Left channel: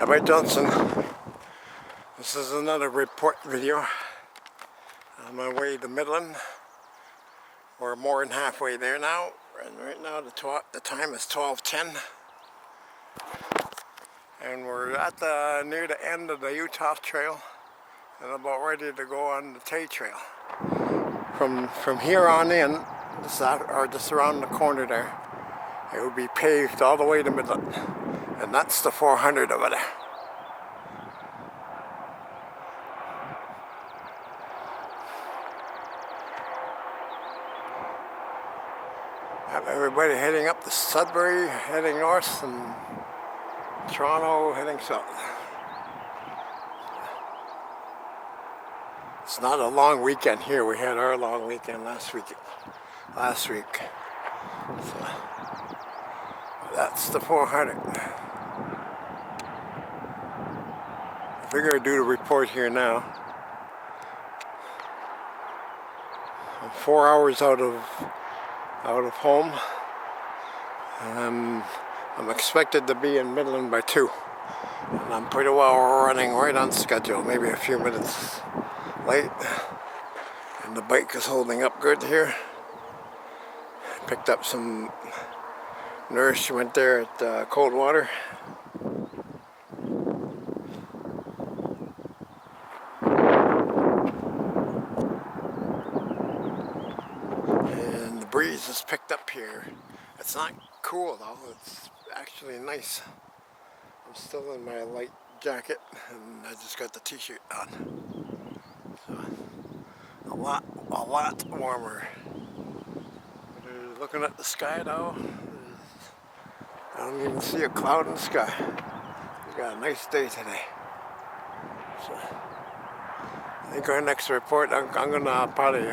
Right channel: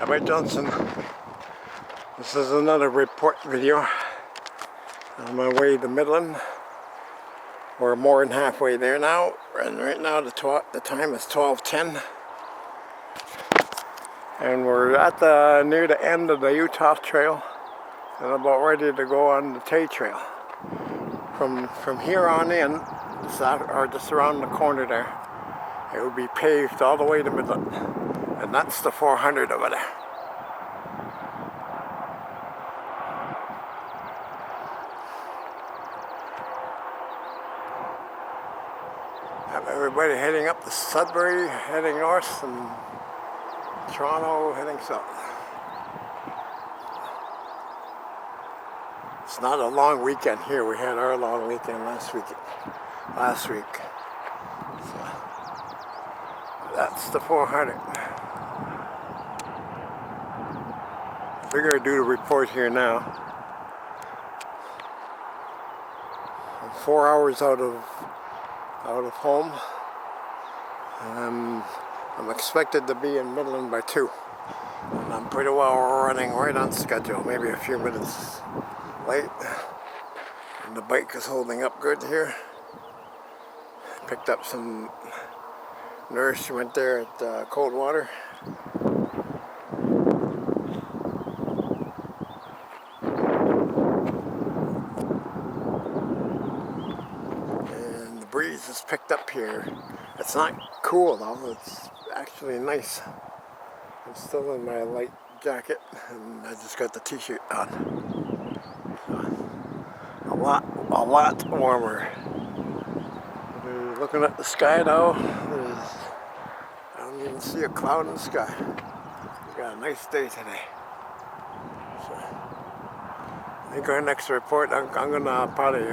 Hi Johnson. This is another report video on my way to Midland. We're more than halfway there now, and right now the time is 12:10, and we're at near the end of the Utah Trail and about ready to go on the Tay Trail. From here on in, just around the corner there, it will be paved all the way to Midland, and that's the 400 over there. Have everybody heading up to Sudbury, heading north, and Toronto heading south. It's not a long weekend here. We had our long weekend last week. So that's the 400. I figure I'd do the report here now. I'm 4 hours out of home, and I'm expected to be in Midland by 2, and I'm pretty well running right on schedule, maybe a few minutes late, and the bike is holding up good here. Picked up some nourishment there at Coldwater. And the breeze is picked up here. It's not cool though, it's actually nice. I'm still in my light jacket and I just got the t-shirt on. So, a lot warmer. Looking at the sky now, I don't even see a cloud in the sky. We got a nice day today. So, I think our next report, I'm gonna probably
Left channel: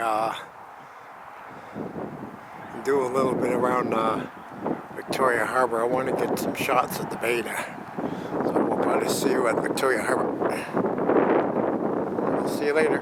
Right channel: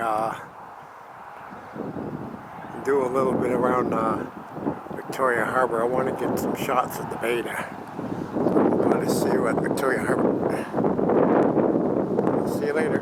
do a little bit around Victoria Harbor. I want to get some shots at the bay there. So we'll probably see you at Victoria Harbor. See you later.